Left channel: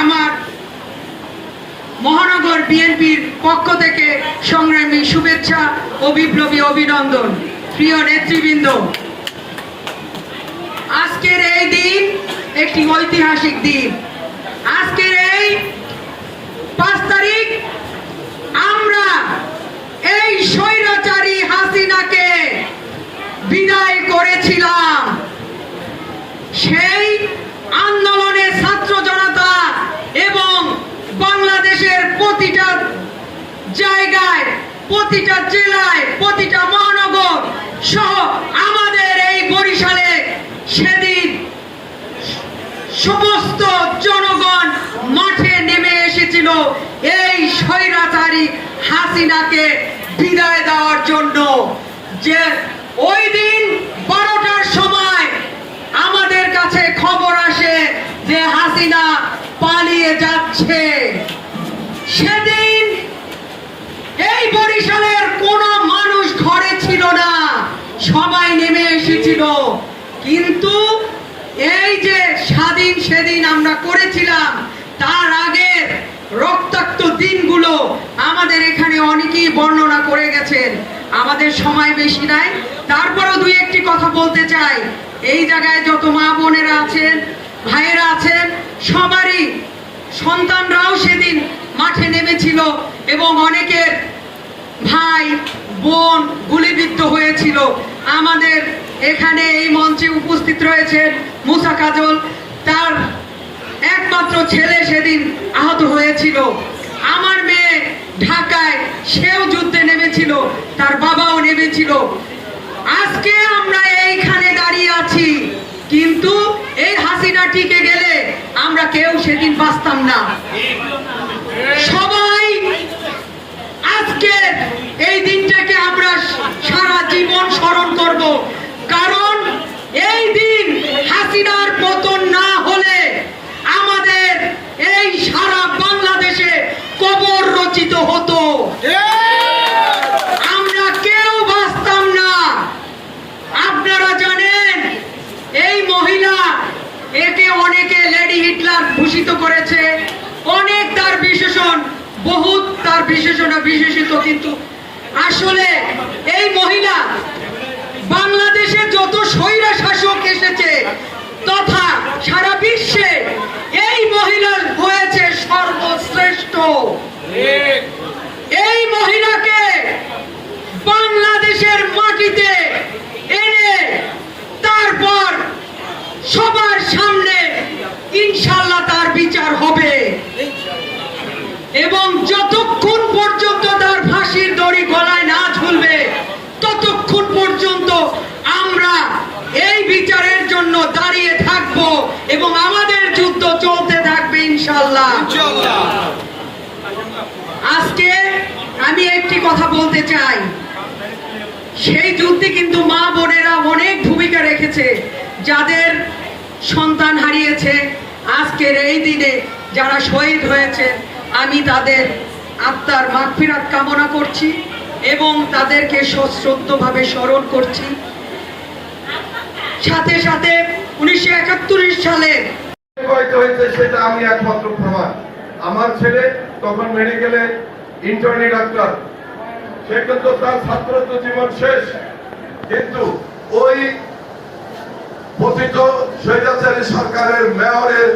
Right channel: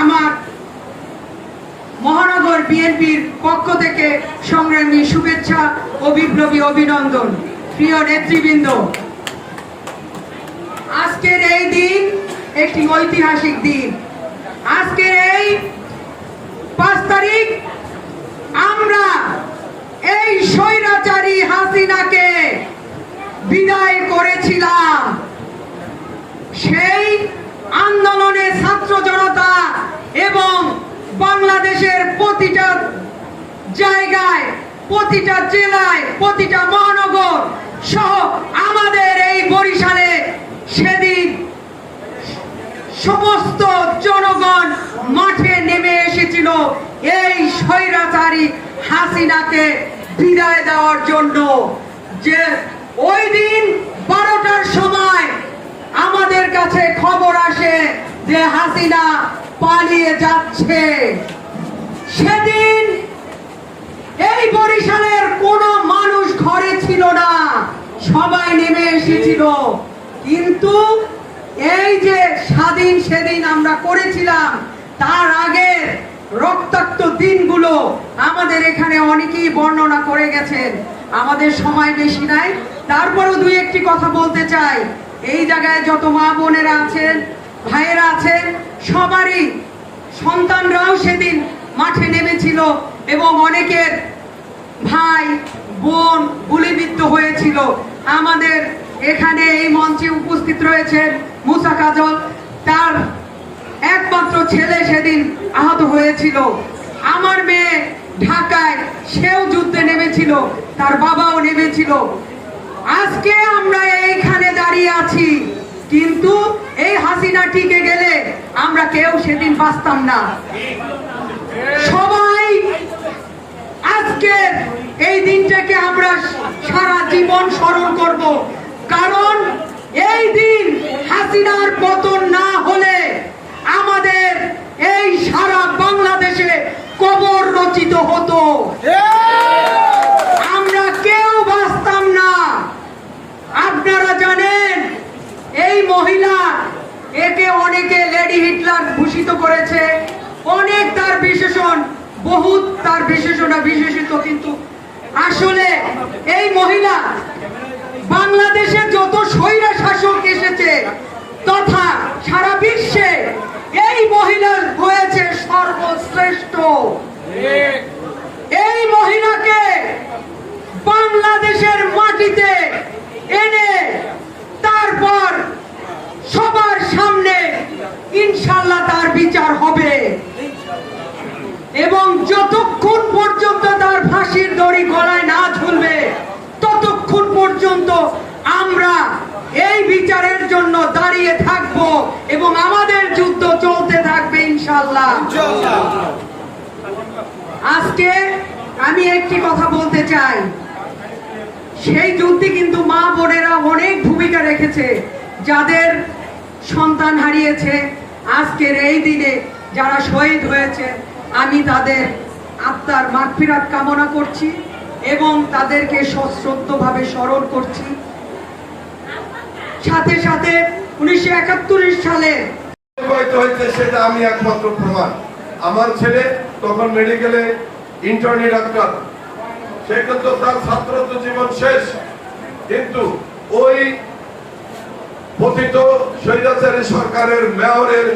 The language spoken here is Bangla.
আমার মহানগর বিএনপির পক্ষ থেকে সংগ্রামী শুভেচ্ছা ও বিপ্লবী অভিনন্দন। প্রিয় নেতৃবৃন্দ, আজকের এই দিন একটি ঐতিহাসিক দিন। আজকের এই পাঁচ তারিখ আমরা এই স্বৈরাচারী হাসিনাকে বিদায় করেছিলাম। সেই বাংলাদেশের প্রতিটা জায়গায়, প্রতিটা জেলায়, প্রতিটা মহানগর সহ আমাদের এই বরিশালে সেদিন সমস্ত জনগণ মাঠে নেমে এসেছিল এই স্বৈরাচারী হাসিনাকে বিদায় দেওয়ার জন্য। যে ওই দিন বারোটার সময় আমাদের কাছে খবর আসে যে হাসিনা পালিয়ে যাচ্ছে। সেদিন এই বরিশালের কোনো মানুষ ঘরে ছিল না, সবাই নেমে এসেছিল। কিন্তু এই যে স্বাধীন সেদিন আমরা করেছিলাম, তার আগে রক্তাক্ত দিনগুলো আমাদের এখানে অনেকেই বর্ণনা করে গেছেন। আমাদের সময় বেশি নাই। তারপরেও দুই একটি কথা বলতে চাই। এই জায়গায় যত মা বোনেরা আছেন, ভাইয়েরা আছেন, সবারই সন্তানরাও সেদিন মাঠে নেমেছিল এবং অনেকের ভাই, বোন গুলিবিদ্ধ হয়েছিল। আমাদের এখানে এই মঞ্চে উপস্থিত রয়েছেন মুসা কাজল। তার একমাত্র ছেলে সেদিন আহত হয়েছিল। আমার মেয়ে ঢাকায় সেও যুদ্ধে নেমেছিল, তার বাবাও নেমেছিল। আজকে আমরা এইখানে দাঁড়িয়ে আছি, কিন্তু এই হাসিনা টিকে গেলে আমরা কেউ সেদিন বাঁচতাম না। সবাই আজকে এই দিনটাকে আমরা সারা জীবন স্মরণ করব। কারণ এই দিন হাসিনার পতন না হলে আমাদের এই সারা বাংলাদেশে কবর রচিত হতো। আমরা কেউ বাঁচতাম না। আপনারা জানেন, এই মহিলা একে অনেকে লেডি হিটলার ভূষিত করেছে। অনেক তার বিশেষণ, বহুত তার বিশেষণ বিশেষিত, কিন্তু আসলে এই মহিলা বাংলাদেশে যত স্বৈরা শাসক এসেছে তথা সারা বিশ্বে এই মহিলা হয়েছে সর্বশ্রেষ্ঠ। এই মহিলাকে বাংলাদেশের মাটিতে এনে তারপর সবার সামনে ইনশাল্লাহ তার বিচার হবে এবং যতক্ষণ পর্যন্ত তার ফাঁসির দড়ি গলায় না ঝুলবে ততক্ষণ পর্যন্ত আমরা এই বিচারের জন্য দাঁড়িয়ে থাকব এবং আমাদের যুদ্ধ চলতে থাকবে ইনশাল্লাহ আজকে আমি একটি কথা বলতে চাই। সেই যুদ্ধে কিন্তু মা বোনেরা অনেক ভূমিকা রেখেছে যাদের সন্তান হারিয়েছে। আজকের এই দিনে যারা শহীদ হয়েছে আমি তাদের আত্মার মাগফিরাত কামনা করছি এবং তাদেরকে সশ্রদ্ধভাবে স্মরণ করছি। সাথে সাথে উনিশশো একাত্তর সালে সেটা আমি একমাত্র প্রমাণ। আমার ছেলে তখন মেডিকেলে ইন্টার্নি ডাক্তার। সে কিন্তু তার ছাত্রত্ব জীবন শেষ। কিন্তু ওই পতিত স্বৈরাচারী সরকারের মেয়রের